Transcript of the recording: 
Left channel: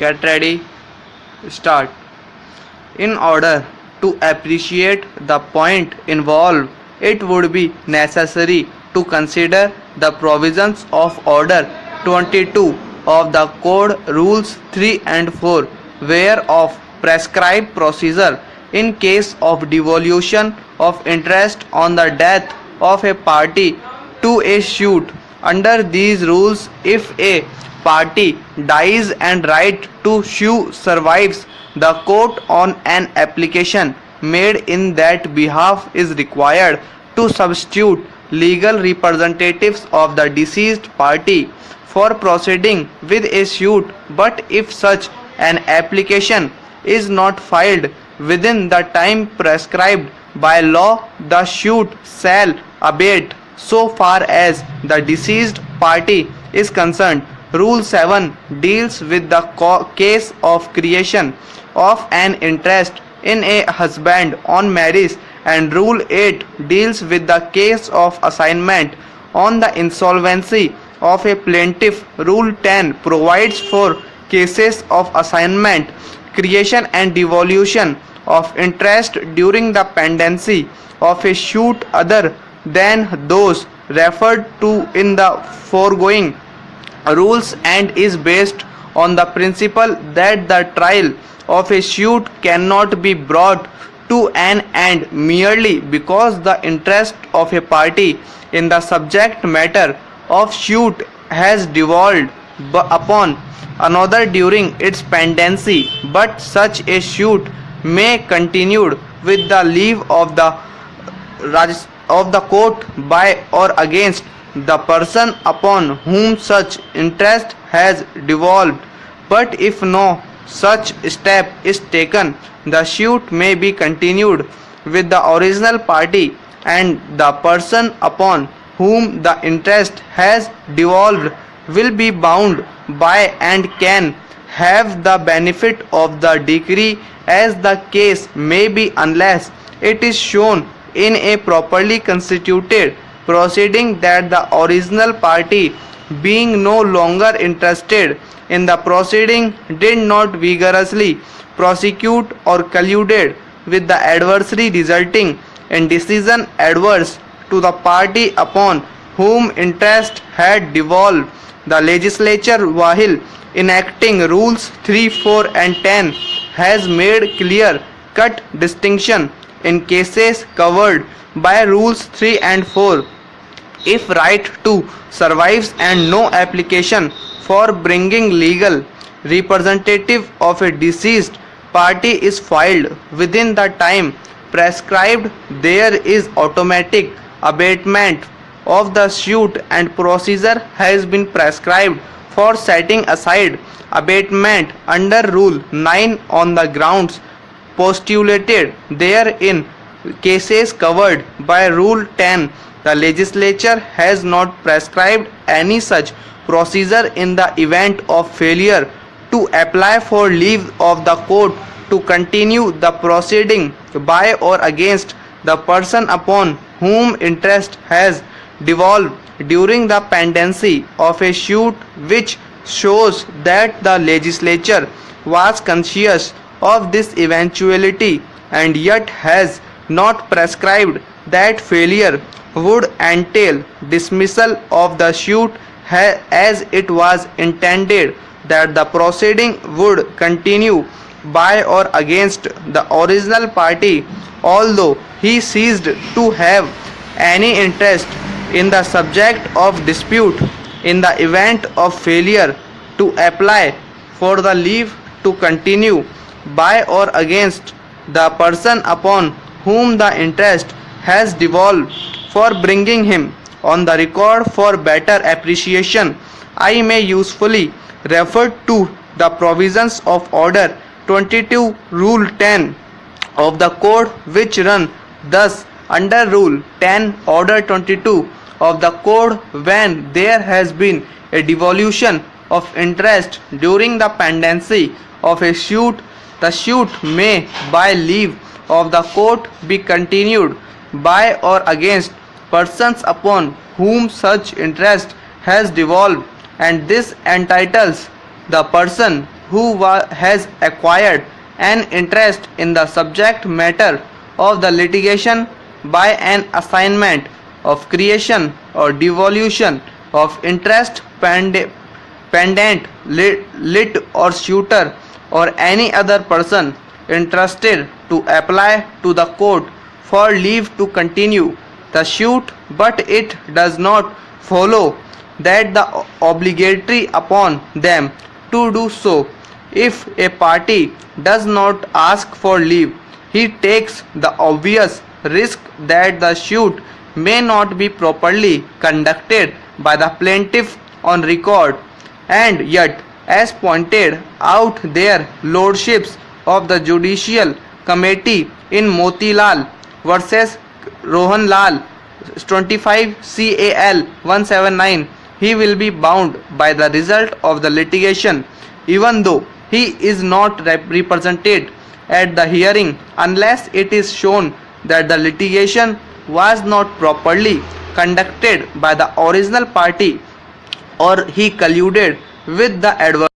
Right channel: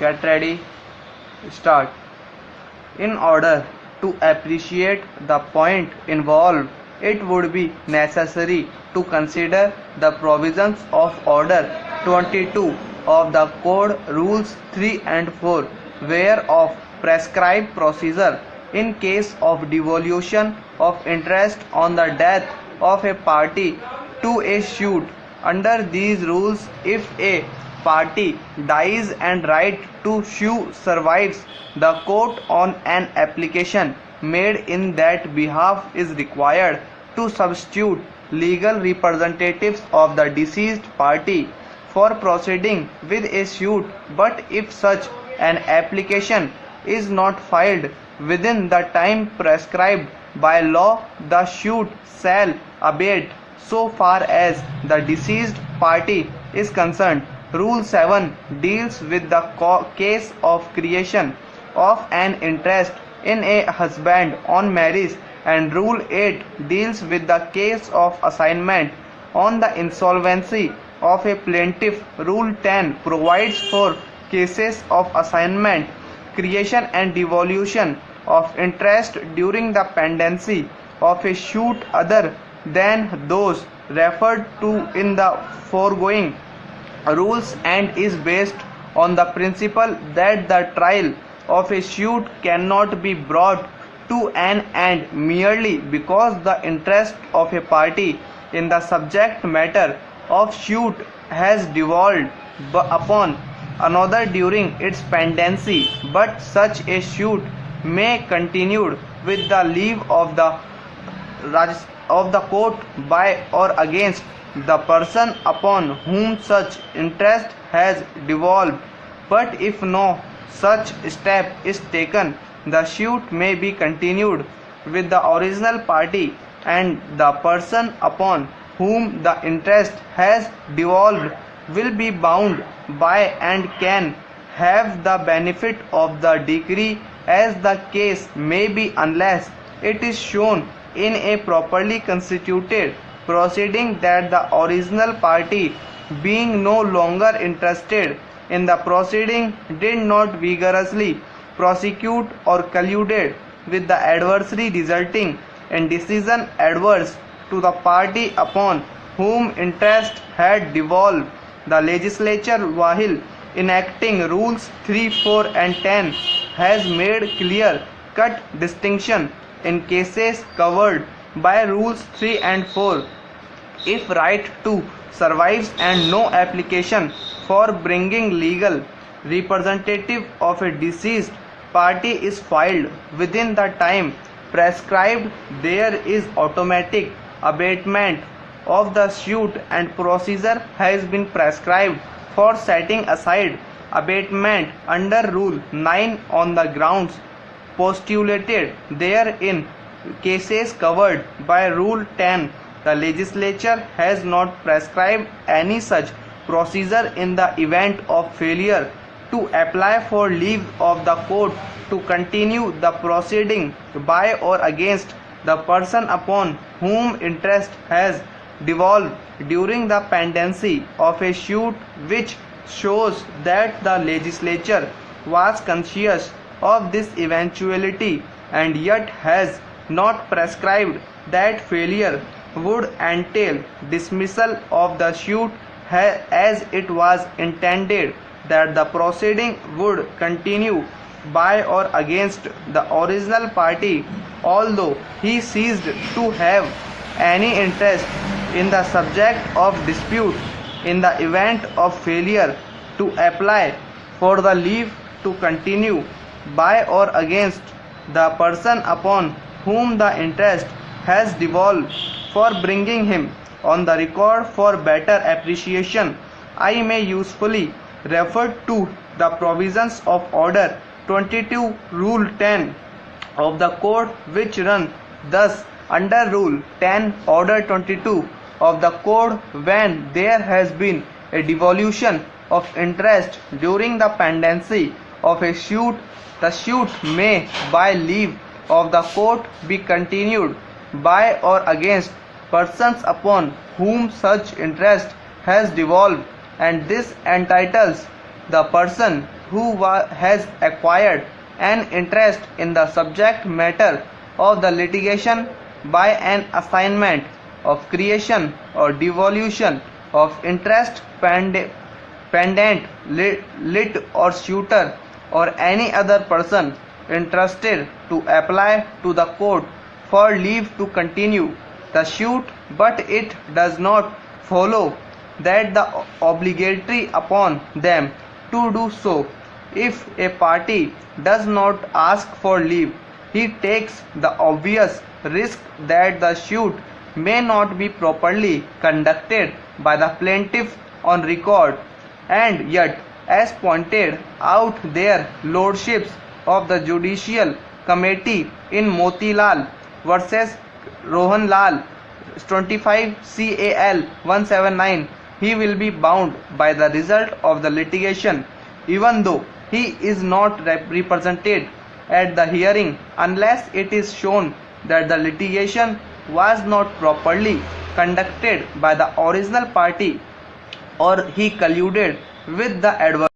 Get ready. Start. In order to appreciate the point involved, it would be necessary to consider the provisions of Order 22 of the Code Rules 3 and 4, whereof prescribe procedure in case of devolution of interest on the death of a party to a suit. Under these rules, if a party dies and right to sue survives, the court on an application made in that behalf is required to substitute legal representatives of the deceased party for proceeding with a suit. But if such an application is not filed within the time prescribed by law, the suit shall abate so far as the deceased party is concerned. Rule 7 deals with the case of creation of an interest in a husband on marriage, and Rule 8 deals with the case of assignment on the insolvency of a plaintiff. Rule 10 provides for cases of assignment, creation and devolution of interest during the pendency of a suit other than those referred to in the foregoing rules, and is based on the principle that the trial of a suit cannot be brought to an end merely because the interest of a party in the subject matter of suit has devolved upon another during its pendency, but such a suit may continue with the leave of the court by or against the person upon whom such interest has devolved. But if no such step is taken, the suit may be continued with the original party, and the person upon whom the interest has devolved will be bound by and can have the benefit of the decree as the case may be, unless it is shown in a properly constituted proceeding that the original party, being no longer interested in the proceeding, did not vigorously prosecute or colluded with the adversary, resulting in decision adverse to the party upon whom interest had devolved. The legislature, while enacting rules 3, 4 and 10, has made clear-cut distinction in cases covered by rules 3 and 4. If right to survives and no application for bringing legal representative of a deceased party is filed within the time prescribed, there is automatic abatement of the suit, and procedure has been prescribed for setting aside abatement under Rule 9 on the grounds postulated therein. Cases covered by Rule 10, the legislature has not prescribed any such procedure in the event of failure to apply for leave of the court to continue the proceeding by or against the person upon whom interest has devolved during the pendency of a suit, which shows that the legislature was conscious of this eventuality and yet has not prescribed that failure would entail dismissal of the suit, as it was intended that the proceeding would continue by or against the original party, although he ceased to have any interest in the subject of dispute. In the event of failure to apply for the leave to continue by or against the person upon whom the interest has devolved, for bringing him on the record for better appreciation, I may usefully refer to the provisions of Order 22 Rule 10 of the Code, which run thus: under Rule 10 Order 22 of the Code, when there has been a devolution of interest during the pendency of a suit, the suit may by leave of the court be continued by or against persons upon whom such interest has devolved, and this entitles the person has acquired an interest in the subject matter of the litigation by an assignment of creation or devolution of interest pendant lit or suitor or any other person interested to apply to the court for leave to continue the suit, but it does not follow that the obligatory upon them to do so. If a party does not ask for leave, he takes the obvious risk that the suit may not be properly conducted by the plaintiff on record. And yet, as pointed out their lordships of the Judicial Committee in Motilal versus Rohanlal 25 CAL 179, he will be bound by the result of the litigation, even though he is not represented at the hearing, unless it is shown that the litigation was not properly conducted by the original party or he colluded with the adversary.